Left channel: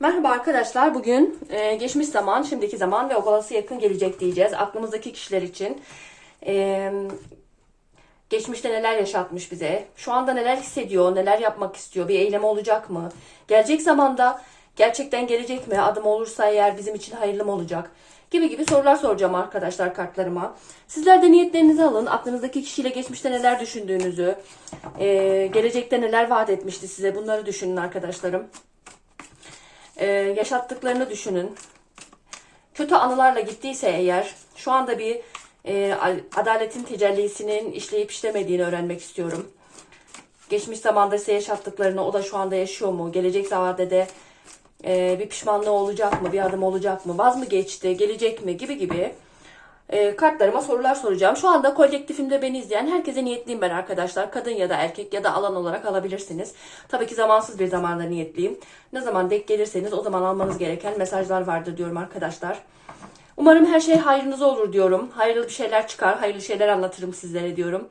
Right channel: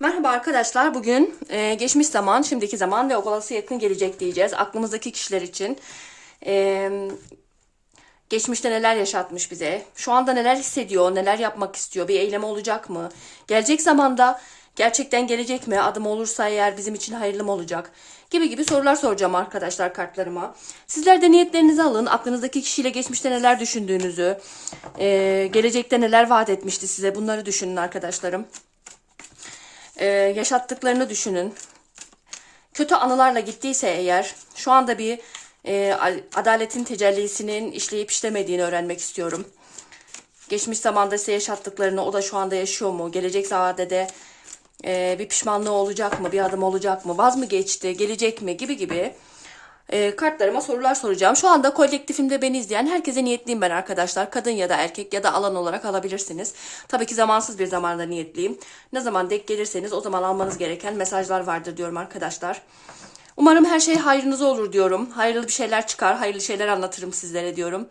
Merhaba arkadaşlar. Bugün e, geçmiş zaman, şimdiki zaman ve olası yakın gelecek diyeceğiz. Aklımızdaki kişiler için. E, geçmişte neler yaşatmış bize? Şu anda neler hissediyor? Neler yapmak istiyor? Bir eylem olacak mı? Gelecek zamanda gerçekten gelecek mi? Adım olursa eğer bizim için hayırlı mı olacak? Gibi gibi sorular soracağım arkadaşlar kartlarıma. Sizler de niyetlerinizi alın. Aklınızdaki kişiyle geçmişte neler düşündüğünüzü, e, gelecekte neler vaat etmişti size bunları düşünün arkadaşlarım. Ee, yaşattıklarını düşünün. Kötü anılarla gittiyse eğer şu anda bir e, adaletin tecellisinin işleyip işlemediğini öğrenmek istiyorum. Geçmiş zamanda size yaşattıklarını o da şu anda yaşıyor mu? Gelecek zamanda de e, bir pişmanlığı olacak mı? Bir adım olacak mı? Vaz mı geçti? Gelecek mi? Gibi gibi e, kartlarıma sorular soracağım. Şu anda kolektifimde beni izleyen herkese niyetliyim ben arkadaşlar. Kadın ya da erkek ya da alan olarak alabilirsiniz. Tabii ki zamansız bir zamanda niyetliyim. Ne zaman denk gelirseniz o zaman almanız gereken mesajlar vardır diyorum arkadaşlar. Umarım her şey hayrınıza olur diyorum. Hayırlı bir şeyler çıkar, hayırlı şeyler anlatırım sizlere diyorum.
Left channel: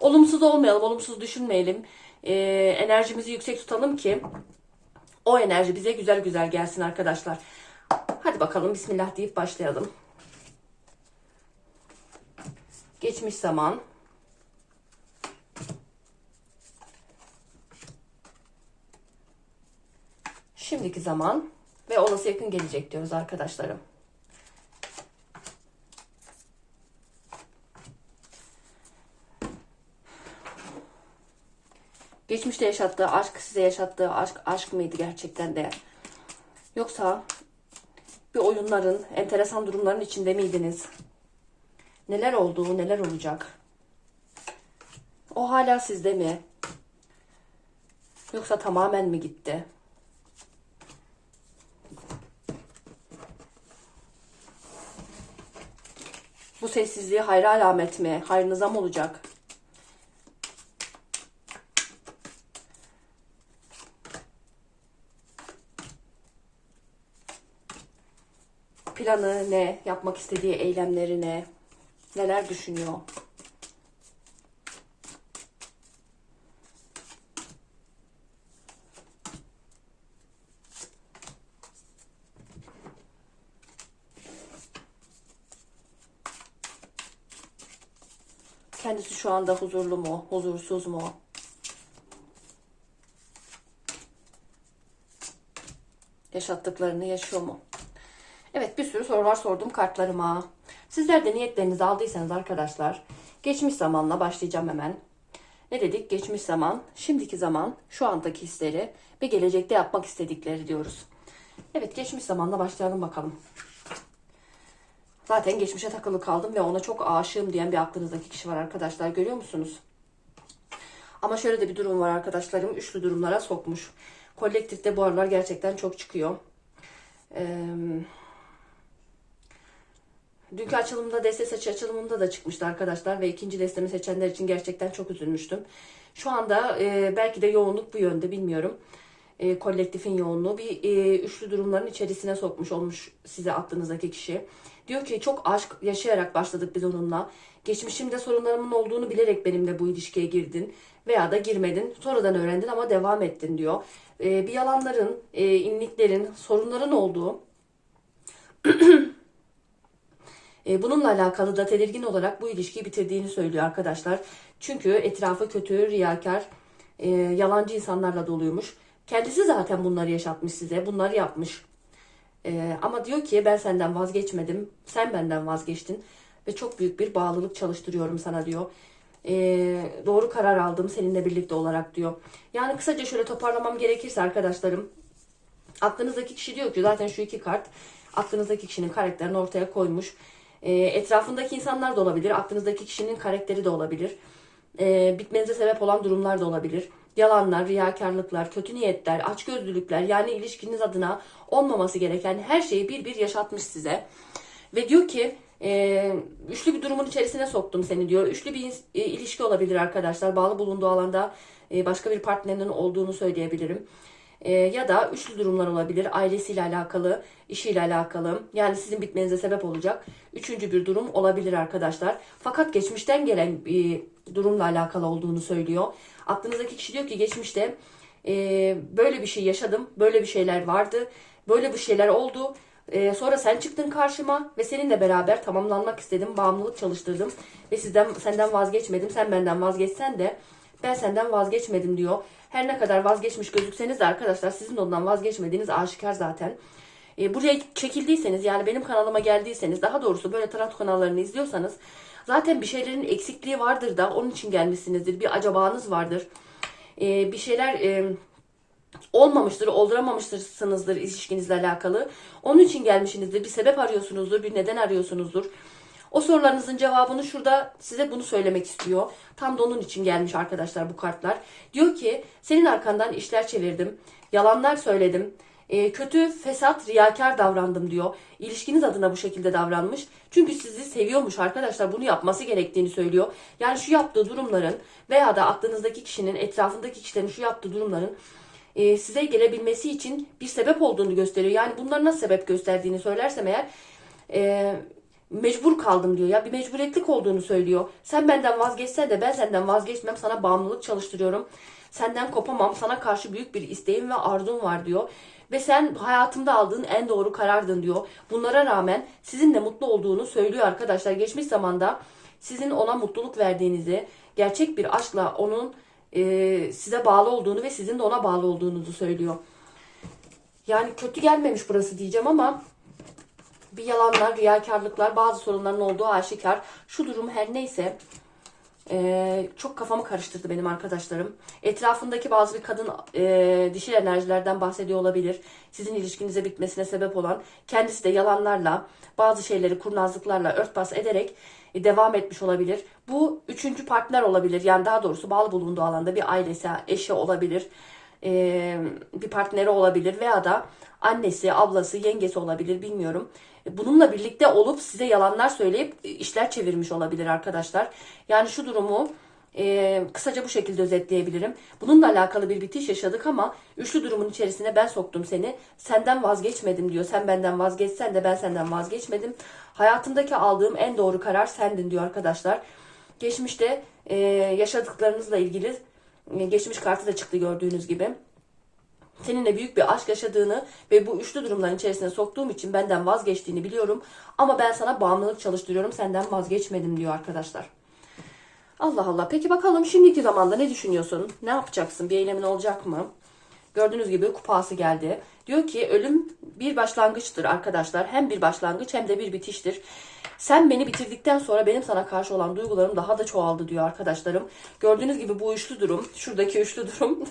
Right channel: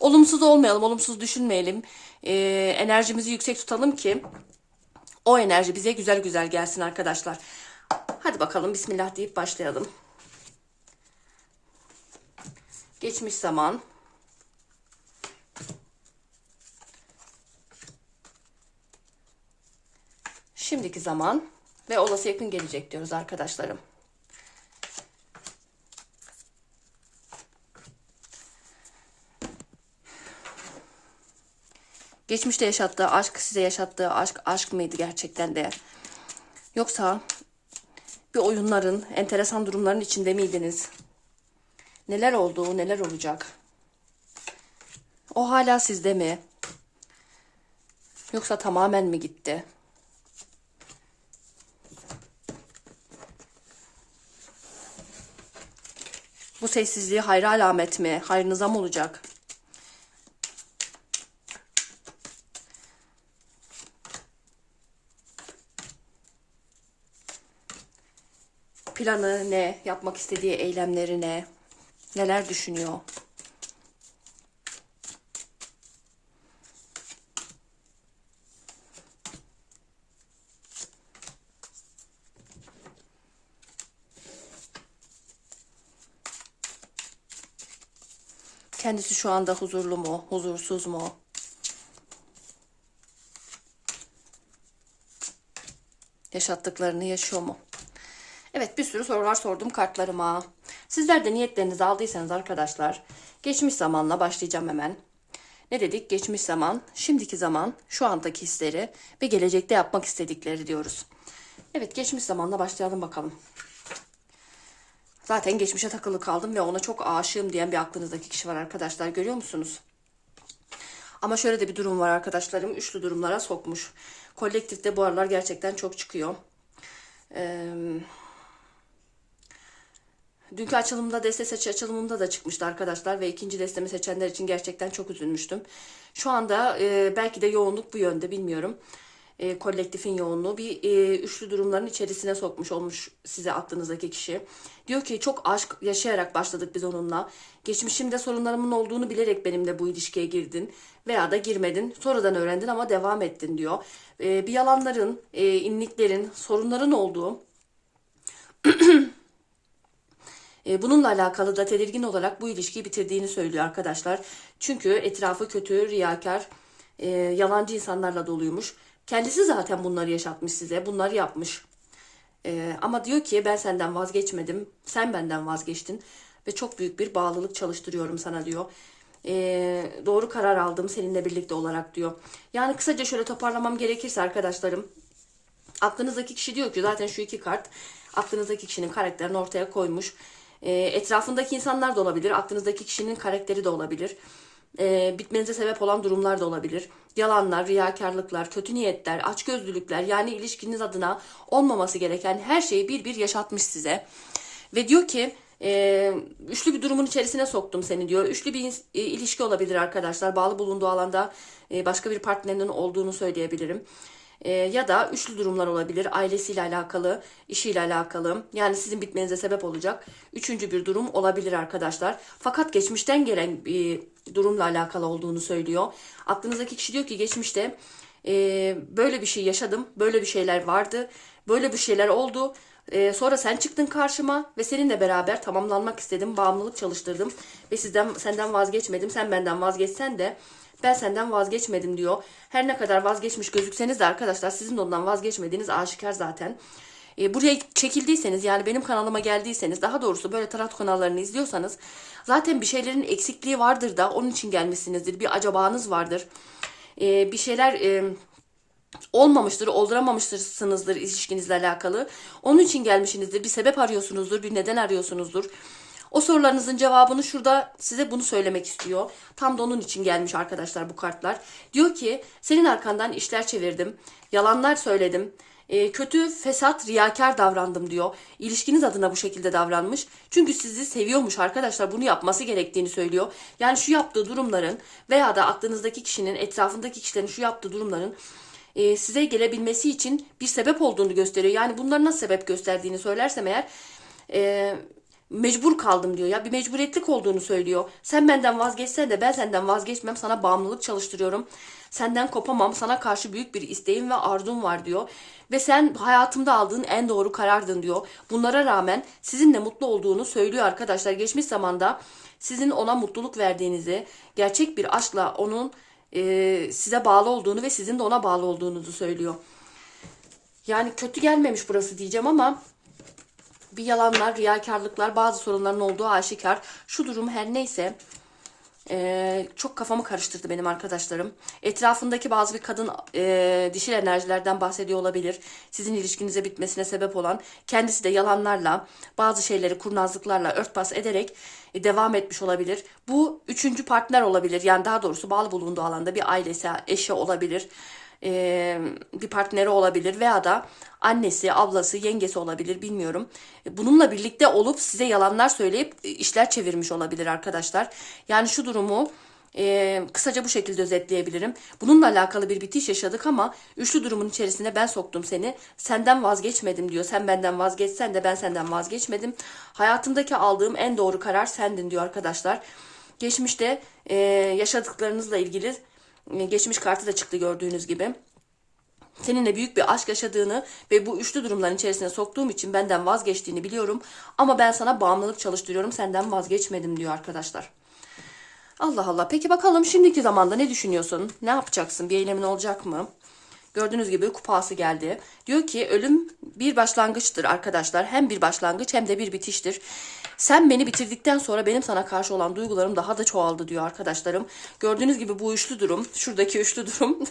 Olumsuz olmayalım, olumsuz düşünmeyelim. E, enerjimizi yüksek tutalım ki o enerji bize güzel güzel gelsin arkadaşlar. Hadi bakalım Bismillah deyip başlayalım. Geçmiş zaman. Şimdiki zaman ve olası yakın gelecek diyoruz arkadaşlarım. Geçmişte yaşattığı aşk size yaşattığı aşk aşk mıydı gerçekten de? Yoksa bir oyunların, enteresan durumların içinde miydiniz? Neler oldu, neler olacak? O hala sizde mi? Yoksa tamamen mi gitti? Bu sessizliği hayra alamet mi? Hayrınıza mı olacak? Planı ne? Yapmak istediği eylemleri ne? Neler düşünüyor? Kendisi şu anda huzurlu mu, huzursuz mu? Yaşattıklarını yaşıyor mu? Evet bir sürü sorular sordum kartlarıma. Sizler de niyetlerinizi aldıysanız arkadaşlar geçmiş zamanla başlayacağım hemen. Ne dedik? Geçmiş zaman, şimdiki zaman, şu andaki hisleri ve gelecekte yapmak istedikleri diyoruz. Evet geçmiş zamanla başlayalım bakalım. Zaten geçmişe takılı kaldım ve ona çok aşığım diyen bir aklınızdaki kişi var arkadaşlar. Görüyor musunuz? Ama şöyle de bir durum var arkadaşlarım. Üçlü durumlara sokmuş. Kolektifte bu aralar gerçekten çok çıkıyor. Eee Dünkü açılımda deste seç açılımında da çıkmıştı arkadaşlar ve ikinci destemi seçenler için gerçekten çok üzülmüştüm. Şu anda e, belki de yoğunluk bu yönde bilmiyorum. E, kolektifin yoğunluğu bir e, üçlü durumların içerisine sokmuş olmuş size aklınızdaki kişi. Diyor ki çok aşk yaşayarak başladık biz onunla. Geçmişimde sorunlarımın olduğunu bilerek benimle bu ilişkiye girdin veya da girmedin. Sonradan öğrendin ama devam ettin diyor. E, bir yalanların, e, inliklerin, sorunların olduğu e, bununla alakalı da tedirgin olarak bu ilişkiyi bitirdiğini söylüyor arkadaşlar. Çünkü etrafı kötü, riyakar, e, yalancı insanlarla doluymuş. Kendisi zaten bunları yaşatmış size, bunları yapmış. E, ama diyor ki ben senden vazgeçmedim, sen benden vazgeçtin ve çok büyük bir bağlılık çalıştırıyorum sana diyor. E, doğru karar aldım seninle birlikte olarak diyor. Yani kısaca şöyle toparlamam gerekirse arkadaşlarım, aklınızdaki kişi diyor ki zaten şu iki kart aklınızdaki kişinin karakterini ortaya koymuş. E, etrafındaki insanlar da olabilir. Aklınızdaki kişinin karakteri de olabilir. E, bitmenize sebep olan durumlar da olabilir. Yalanlar, riyakarlıklar, kötü niyetler, açgözlülükler yani ilişkiniz adına olmaması gereken her şeyi bir bir yaşatmış size. Ve diyor ki e, üçlü bir durumun içerisine soktum seni diyor. Üçlü bir e, ilişki olabilir arkadaşlar. Bağlı bulunduğu alanda e, başka bir partnerinin olduğunu söyleyebilirim e, ya da üçlü durumlar olabilir. Ailesiyle alakalı, işiyle alakalı. Yani sizin bitmenize sebep olacak. Üçüncü bir durum olabilir arkadaşlar. Fakat geçmişten gelen bir durumla alakalı olduğunu söylüyor. Aklınızdaki kişi diyor ki geçmişte e, böyle bir şey yaşadım. Böyle bir şeyler vardı. Böyle bir şeyler oldu. Ee, sonra sen çıktın karşıma ve seninle beraber tamamlanmak istedim. Bağımlılık çalıştırdım ve sizden senden vazgeçmedim. Sen benden vazgeçsen de ben senden vazgeçmedim diyor. Her ne kadar vazgeçmiş gözükseniz de arkadaşlar sizin ondan vazgeçmediğiniz aşikar zaten. E, buraya çekildiyseniz yani benim kanalıma geldiyseniz daha doğrusu böyle tarot kanallarını izliyorsanız zaten bir şeylerin eksikliği vardır da onun için gelmişsinizdir. Bir acabanız vardır. E, bir şeyler e, olmamıştır, olduramamışsınızdır ilişkinizle alakalı. Onun için gelmişsinizdir. Bir sebep arıyorsunuzdur, bir neden arıyorsunuzdur. O sorularınızın cevabını şurada size bunu söylemek istiyor. Tam da onun için gelmiş arkadaşlar bu kartlar. Diyor ki senin arkandan işler çevirdim, yalanlar söyledim, e, kötü, fesat, riyakar davrandım diyor. İlişkiniz adına bu şekilde davranmış. Çünkü sizi seviyormuş arkadaşlar. Bunu yapması gerektiğini söylüyor. Yani şu yaptığı durumların veya da aklınızdaki kişinin, etrafındaki kişilerin şu yaptığı durumların e, size gelebilmesi için bir sebep olduğunu gösteriyor. Yani bunları nasıl sebep gösterdiğini söylersem eğer e, mecbur kaldım diyor ya bir mecburiyetlik olduğunu söylüyor. Sen benden vazgeçsen de ben senden vazgeçmem sana bağımlılık çalıştırıyorum. Senden kopamam sana karşı büyük bir isteğim ve arzum var diyor. Ve sen hayatımda aldığın en doğru karardın diyor. Bunlara rağmen sizinle mutlu olduğunu söylüyor arkadaşlar. Geçmiş zamanda sizin ona mutluluk verdiğinizi, gerçek bir aşkla onun e, size bağlı olduğunu ve sizin de ona bağlı olduğunuzu söylüyor. Yani kötü gelmemiş burası diyeceğim ama bir yalanlar, riyakarlıklar, bazı sorunların olduğu aşikar. Şu durum her neyse e, çok kafamı karıştırdı benim arkadaşlarım. Etrafındaki bazı bir kadın e, dişil enerjilerden bahsediyor olabilir. Sizin ilişkinize bitmesine sebep olan kendisi de yalanlarla, bazı şeyleri kurnazlıklarla örtbas ederek e, devam etmiş olabilir. Bu üçüncü partner olabilir. Yani daha doğrusu bağlı bulunduğu alanda bir ailesi, eşi olabilir e, bir partneri olabilir veya da annesi, ablası, yengesi olabilir bilmiyorum. Bununla birlikte olup size yalanlar söyleyip işler çevirmiş olabilir arkadaşlar. Yani şu durumu e, kısaca bu şekilde özetleyebilirim. Bununla alakalı bir bitiş yaşadık ama üçlü durumun içerisine ben soktum seni. Senden vazgeçmedim diyor. Sen benden vazgeçsen de ben senden vazgeçmedim. Hayatımdaki aldığım en doğru karar sendin diyor arkadaşlar. Geçmişte e, yaşadıklarınızla ilgili e, geçmiş kartı da çıktı gördüğünüz gibi. Seninle büyük bir aşk yaşadığını ve bu üçlü durumların içerisine soktuğum için benden vazgeçtiğini biliyorum. Ama ben sana bağımlılık çalıştırıyorum senden vazgeçmedim diyor arkadaşlar. Allah Allah. Peki bakalım şimdiki zamanda ne düşünüyorsun? Ne yapacaksın? Bir eylemin olacak mı? Gördüğünüz gibi kupası geldi. Diyor ki ölüm bir başlangıçtır arkadaşlar. Hem bir başlangıç hem de bir bitiştir. Sen beni bitirdikten sonra benim sana karşı olan duygularım daha da çoğaldı diyor arkadaşlarım. Gördüğünüz gibi bu üçlü durum, şuradaki üçlü durum.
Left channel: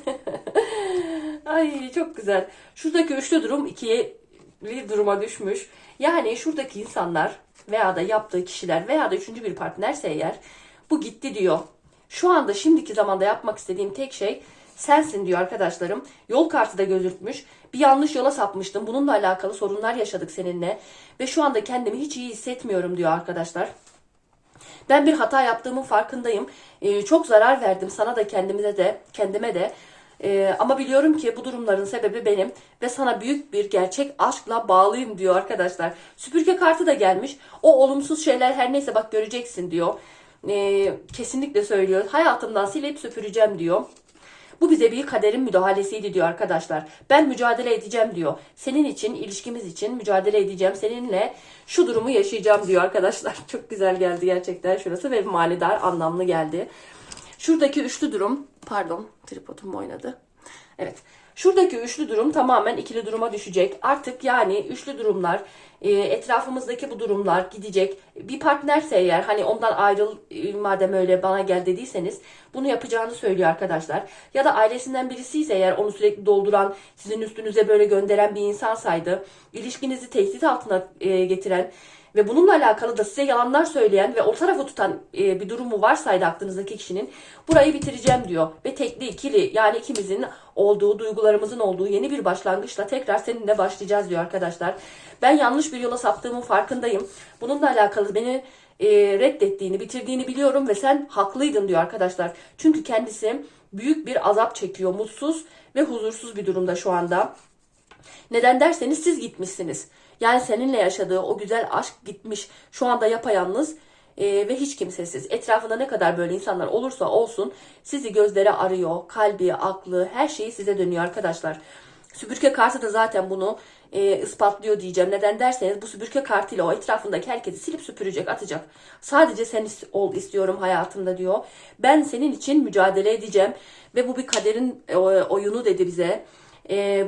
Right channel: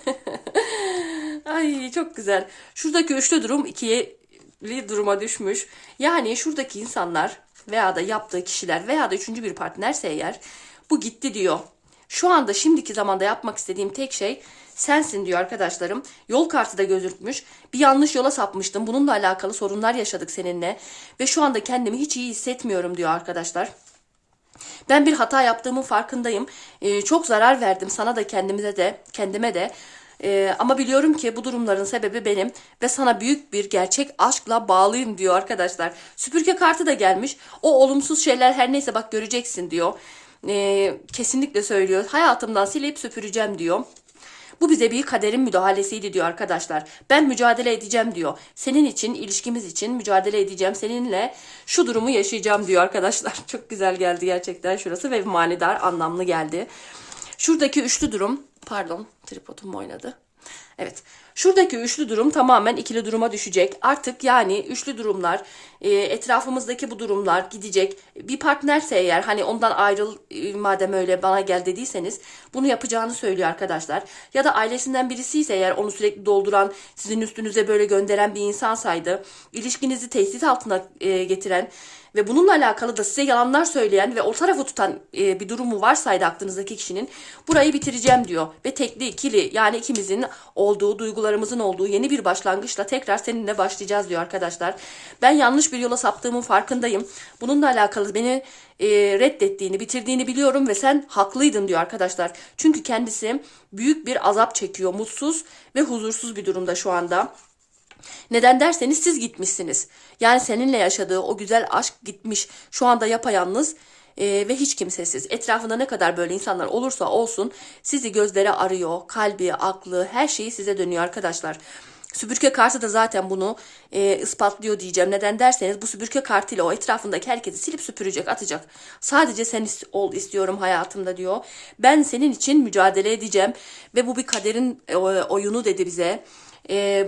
Ay çok güzel. Şuradaki üçlü durum ikiye duruma düşmüş. Yani şuradaki insanlar veya da yaptığı kişiler veya da üçüncü bir partnerse eğer bu gitti diyor. Şu anda şimdiki zamanda yapmak istediğim tek şey sensin diyor arkadaşlarım. Yol kartı da gözükmüş. Bir yanlış yola sapmıştım. Bununla alakalı sorunlar yaşadık seninle. Ve şu anda kendimi hiç iyi hissetmiyorum diyor arkadaşlar. Ben bir hata yaptığımın farkındayım. Ee, çok zarar verdim sana da kendimize de kendime de. Ee, ama biliyorum ki bu durumların sebebi benim ve sana büyük bir gerçek aşkla bağlıyım diyor arkadaşlar. Süpürge kartı da gelmiş. O olumsuz şeyler her neyse bak göreceksin diyor. Ee, kesinlikle söylüyor. Hayatımdan silip süpüreceğim diyor. Bu bize bir kaderin müdahalesiydi diyor arkadaşlar. Ben mücadele edeceğim diyor. Senin için, ilişkimiz için mücadele edeceğim. Seninle şu durumu yaşayacağım diyor arkadaşlar. Çok güzel geldi gerçekten şurası ve manidar, anlamlı geldi. Şuradaki üçlü durum, pardon tripodum oynadı. Evet. Şuradaki üçlü durum tamamen ikili duruma düşecek. Artık yani üçlü durumlar, e, etrafımızdaki bu durumlar gidecek. Bir partnerse eğer hani ondan ayrıl e, madem öyle bana gel dediyseniz bunu yapacağını söylüyor arkadaşlar. Ya da ailesinden birisi ise eğer onu sürekli dolduran, sizin üstünüze böyle gönderen bir insansaydı, ilişkinizi tehdit altına e, getiren ve bununla alakalı da size yalanlar söyleyen ve o tarafı tutan e, bir durumu varsaydı aklınızdaki kişinin burayı bitireceğim diyor. Ve tekli ikili yani ikimizin olduğu duygularımızın olduğu yeni bir başlangıçla tekrar seninle başlayacağız diyor arkadaşlar. Ben yanlış bir yola saptığımın farkındayım. Bununla alakalı beni e, reddettiğini, bitirdiğini biliyorum ve sen haklıydın diyor arkadaşlar. Çünkü kendisi büyük bir azap çekiyor, mutsuz ve huzursuz bir durumda şu anda. Neden derseniz siz gitmişsiniz. Yani seninle yaşadığı o güzel aşk gitmiş. Şu anda yapayalnız e, ve hiç kimsesiz. Etrafında ne kadar böyle insanlar olursa olsun sizi gözleri arıyor. Kalbi, aklı, her şeyi size dönüyor arkadaşlar. Süpürge kartı da zaten bunu e, ispatlıyor diyeceğim. Neden derseniz bu süpürge kartıyla o etrafındaki herkesi silip süpürecek, atacak. Sadece sen ol istiyorum hayatımda diyor. Ben senin için mücadele edeceğim ve bu bir kaderin e, oyunu dedi bize. E,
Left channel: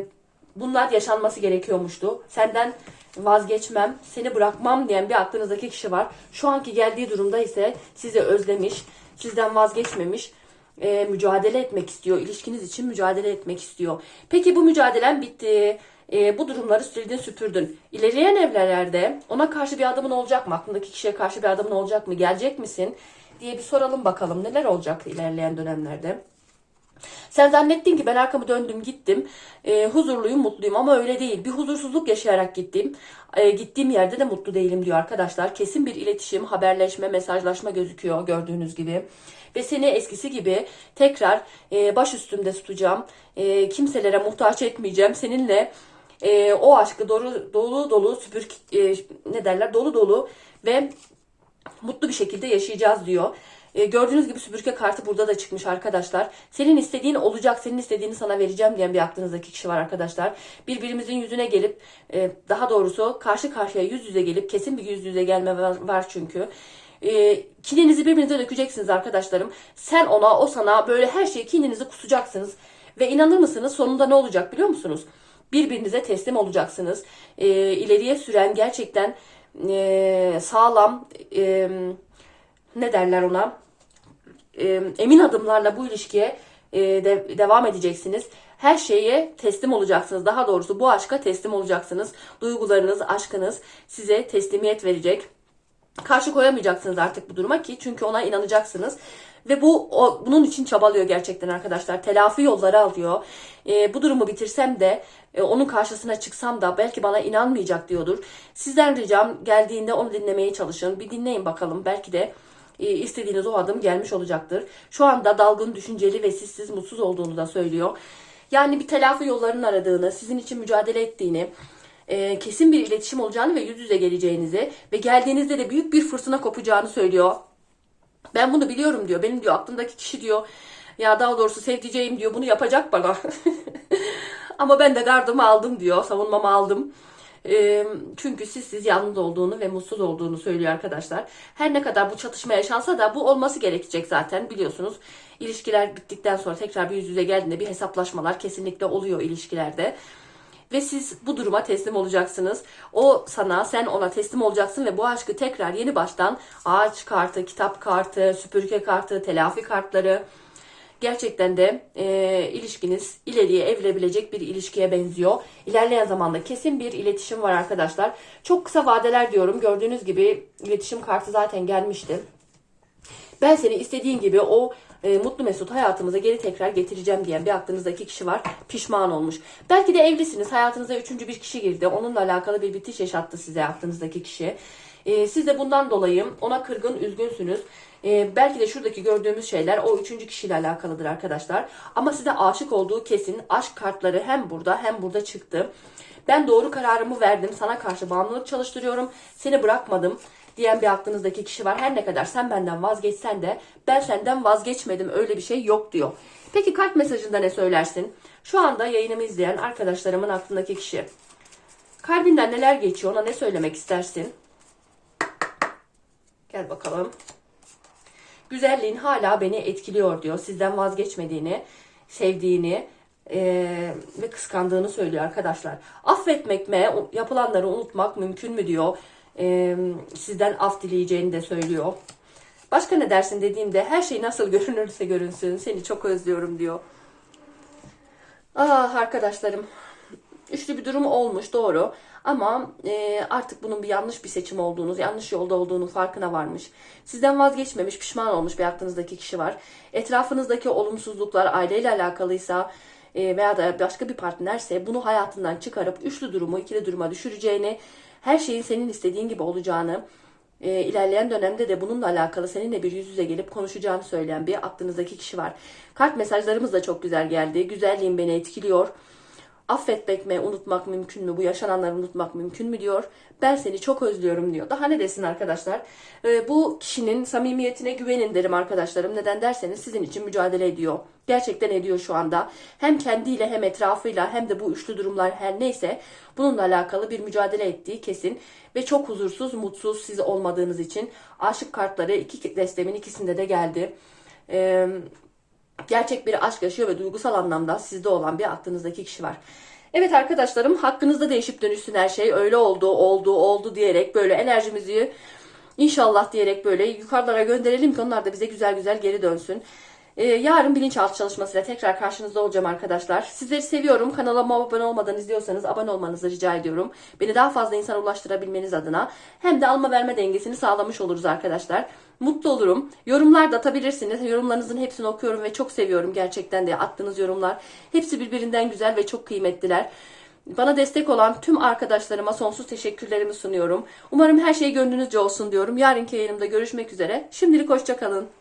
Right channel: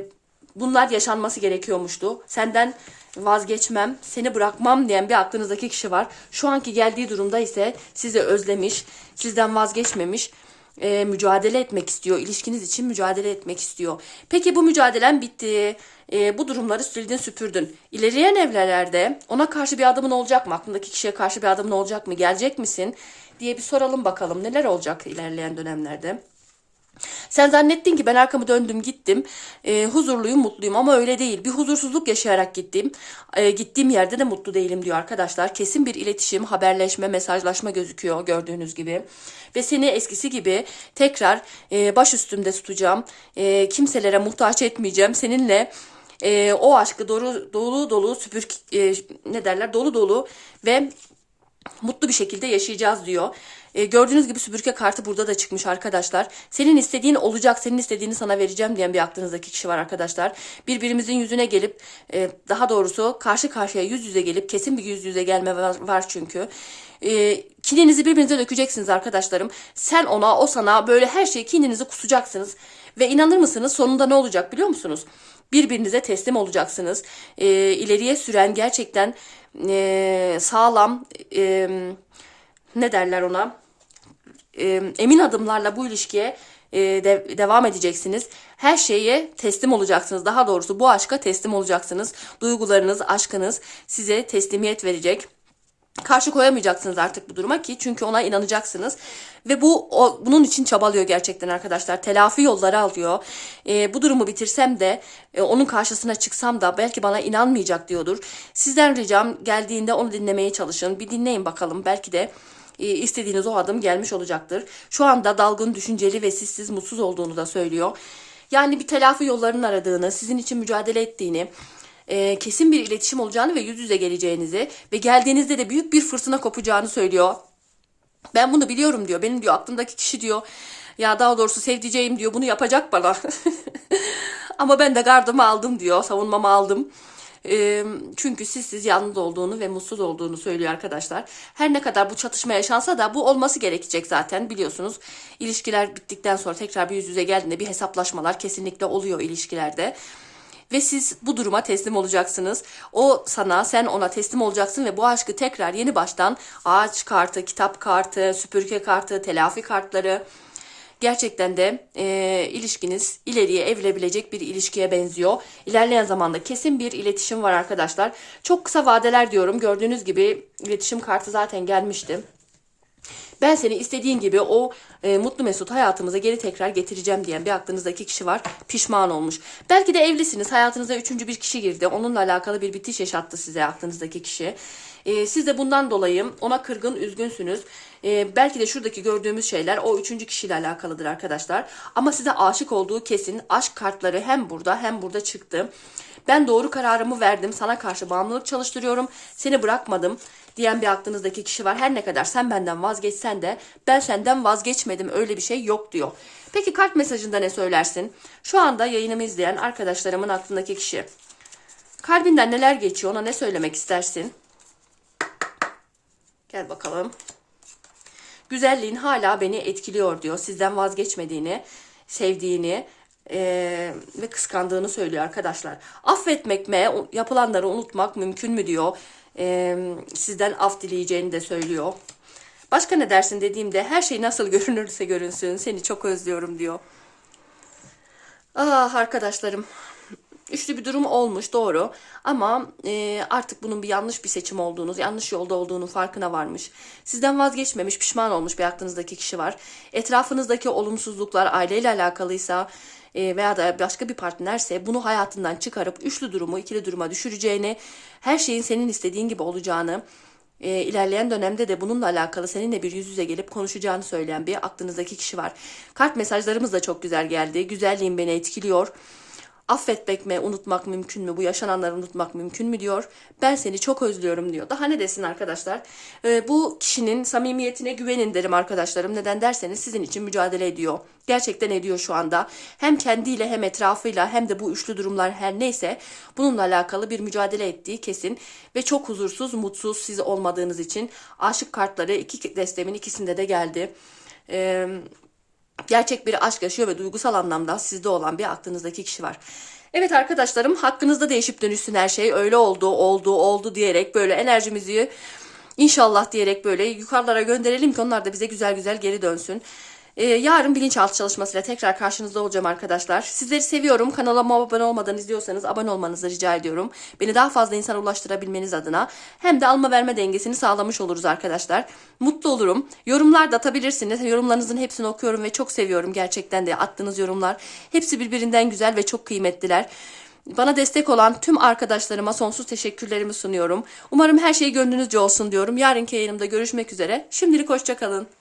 bunlar yaşanması gerekiyormuştu. Senden vazgeçmem, seni bırakmam diyen bir aklınızdaki kişi var. Şu anki geldiği durumda ise sizi özlemiş, sizden vazgeçmemiş e, mücadele etmek istiyor. İlişkiniz için mücadele etmek istiyor. Peki bu mücadelen bitti. E, bu durumları sildin süpürdün. İleriyen evlerde ona karşı bir adımın olacak mı? Aklındaki kişiye karşı bir adımın olacak mı? Gelecek misin? diye bir soralım bakalım. Neler olacak ilerleyen dönemlerde? Sen zannettin ki ben arkamı döndüm gittim. E, huzurluyum, mutluyum ama öyle değil. Bir huzursuzluk yaşayarak gittim. E, gittiğim yerde de mutlu değilim diyor arkadaşlar. Kesin bir iletişim, haberleşme, mesajlaşma gözüküyor gördüğünüz gibi. Ve seni eskisi gibi tekrar e, baş üstümde tutacağım. E, kimselere muhtaç etmeyeceğim. Seninle e, o aşkı dolu dolu dolu süpür e, ne derler dolu dolu ve mutlu bir şekilde yaşayacağız diyor. E, gördüğünüz gibi süpürge kartı burada da çıkmış arkadaşlar. Senin istediğin olacak, senin istediğini sana vereceğim diyen bir aklınızdaki kişi var arkadaşlar. Birbirimizin yüzüne gelip, e, daha doğrusu karşı karşıya yüz yüze gelip, kesin bir yüz yüze gelme var, var çünkü. E, kininizi birbirinize dökeceksiniz arkadaşlarım. Sen ona, o sana böyle her şeyi kininizi kusacaksınız. Ve inanır mısınız sonunda ne olacak biliyor musunuz? Birbirinize teslim olacaksınız. E, ileriye süren gerçekten e, sağlam... E, ne derler ona e, emin adımlarla bu ilişkiye e, de- devam edeceksiniz. Her şeye teslim olacaksınız. Daha doğrusu bu aşka teslim olacaksınız. Duygularınız, aşkınız size teslimiyet verecek. Karşı koyamayacaksınız artık bu duruma ki çünkü ona inanacaksınız. Ve bu o, bunun için çabalıyor gerçekten arkadaşlar. Telafi yolları alıyor. E, bu durumu bitirsem de e, onun karşısına çıksam da belki bana inanmayacak diyordur. Sizden ricam geldiğinde onu dinlemeye çalışın. Bir dinleyin bakalım. Belki de istediğiniz o adım gelmiş olacaktır. Şu anda dalgın, düşünceli ve sizsiz mutsuz olduğunu da söylüyor. Yani bir telafi yollarının aradığını, sizin için mücadele ettiğini, e, kesin bir iletişim olacağını ve yüz yüze geleceğinizi ve geldiğinizde de büyük bir fırtına kopacağını söylüyor. Ben bunu biliyorum diyor. Benim diyor aklımdaki kişi diyor. Ya daha doğrusu sevdiceğim diyor. Bunu yapacak bana. Ama ben de gardımı aldım diyor. Savunmamı aldım. Çünkü siz siz yalnız olduğunu ve mutsuz olduğunu söylüyor arkadaşlar. Her ne kadar bu çatışma yaşansa da bu olması gerekecek zaten biliyorsunuz. İlişkiler bittikten sonra tekrar bir yüz yüze geldiğinde bir hesaplaşmalar kesinlikle oluyor ilişkilerde. Ve siz bu duruma teslim olacaksınız. O sana, sen ona teslim olacaksın ve bu aşkı tekrar yeni baştan ağaç kartı, kitap kartı, süpürge kartı, telafi kartları gerçekten de e, ilişkiniz ileriye evrilebilecek bir ilişkiye benziyor. İlerleyen zamanda kesin bir iletişim var arkadaşlar. Çok kısa vadeler diyorum. Gördüğünüz gibi iletişim kartı zaten gelmişti. Ben seni istediğin gibi o e, mutlu mesut hayatımıza geri tekrar getireceğim diyen bir aklınızdaki kişi var. Pişman olmuş. Belki de evlisiniz. Hayatınıza üçüncü bir kişi girdi. Onunla alakalı bir bitiş yaşattı size aklınızdaki kişi. E, siz de bundan dolayı ona kırgın, üzgünsünüz. E, belki de şuradaki gördüğümüz şeyler o üçüncü kişiyle alakalıdır arkadaşlar. Ama size aşık olduğu kesin. Aşk kartları hem burada hem burada çıktı. Ben doğru kararımı verdim. Sana karşı bağımlılık çalıştırıyorum. Seni bırakmadım diyen bir aklınızdaki kişi var. Her ne kadar sen benden vazgeçsen de ben senden vazgeçmedim. Öyle bir şey yok diyor. Peki kart mesajında ne söylersin? Şu anda yayınımı izleyen arkadaşlarımın aklındaki kişi. Kalbinden neler geçiyor? Ona ne söylemek istersin? Gel bakalım. Güzelliğin hala beni etkiliyor diyor. Sizden vazgeçmediğini, sevdiğini eee, ve kıskandığını söylüyor arkadaşlar. Affetmek mi, yapılanları unutmak mümkün mü diyor. Eee, sizden af dileyeceğini de söylüyor. Başka ne dersin dediğimde her şey nasıl görünürse görünsün. Seni çok özlüyorum diyor. Ah arkadaşlarım. Üçlü bir durum olmuş doğru ama e, artık bunun bir yanlış bir seçim olduğunu, yanlış yolda olduğunu farkına varmış. Sizden vazgeçmemiş, pişman olmuş bir aklınızdaki kişi var. Etrafınızdaki olumsuzluklar aileyle alakalıysa e, veya da başka bir partnerse bunu hayatından çıkarıp üçlü durumu ikili duruma düşüreceğini, her şeyin senin istediğin gibi olacağını, e, ilerleyen dönemde de bununla alakalı seninle bir yüz yüze gelip konuşacağını söyleyen bir aklınızdaki kişi var. Kart mesajlarımız da çok güzel geldi. Güzelliğin beni etkiliyor. Affetmek mi, unutmak mümkün mü? Bu yaşananları unutmak mümkün mü diyor. Ben seni çok özlüyorum diyor. Daha ne desin arkadaşlar? Ee, bu kişinin samimiyetine güvenin derim arkadaşlarım. Neden derseniz sizin için mücadele ediyor. Gerçekten ediyor şu anda. Hem kendiyle hem etrafıyla hem de bu üçlü durumlar her neyse bununla alakalı bir mücadele ettiği kesin. Ve çok huzursuz, mutsuz siz olmadığınız için. Aşık kartları iki destemin ikisinde de geldi. Ee, gerçek bir aşk yaşıyor ve duygusal anlamda sizde olan bir aklınızdaki kişi var. Evet arkadaşlarım hakkınızda değişip dönüşsün her şey. Öyle oldu, oldu, oldu diyerek böyle enerjimizi inşallah diyerek böyle yukarılara gönderelim ki onlar da bize güzel güzel geri dönsün. Ee, yarın bilinçaltı çalışmasıyla tekrar karşınızda olacağım arkadaşlar. Sizleri seviyorum. Kanalıma abone olmadan izliyorsanız abone olmanızı rica ediyorum. Beni daha fazla insana ulaştırabilmeniz adına. Hem de alma verme dengesini sağlamış oluruz arkadaşlar. Mutlu olurum. Yorumlar da atabilirsiniz. Yorumlarınızın hepsini okuyorum ve çok seviyorum gerçekten de attığınız yorumlar. Hepsi birbirinden güzel ve çok kıymetliler. Bana destek olan tüm arkadaşlarıma sonsuz teşekkürlerimi sunuyorum. Umarım her şey gönlünüzce olsun diyorum. Yarınki yayınımda görüşmek üzere. Şimdilik hoşçakalın.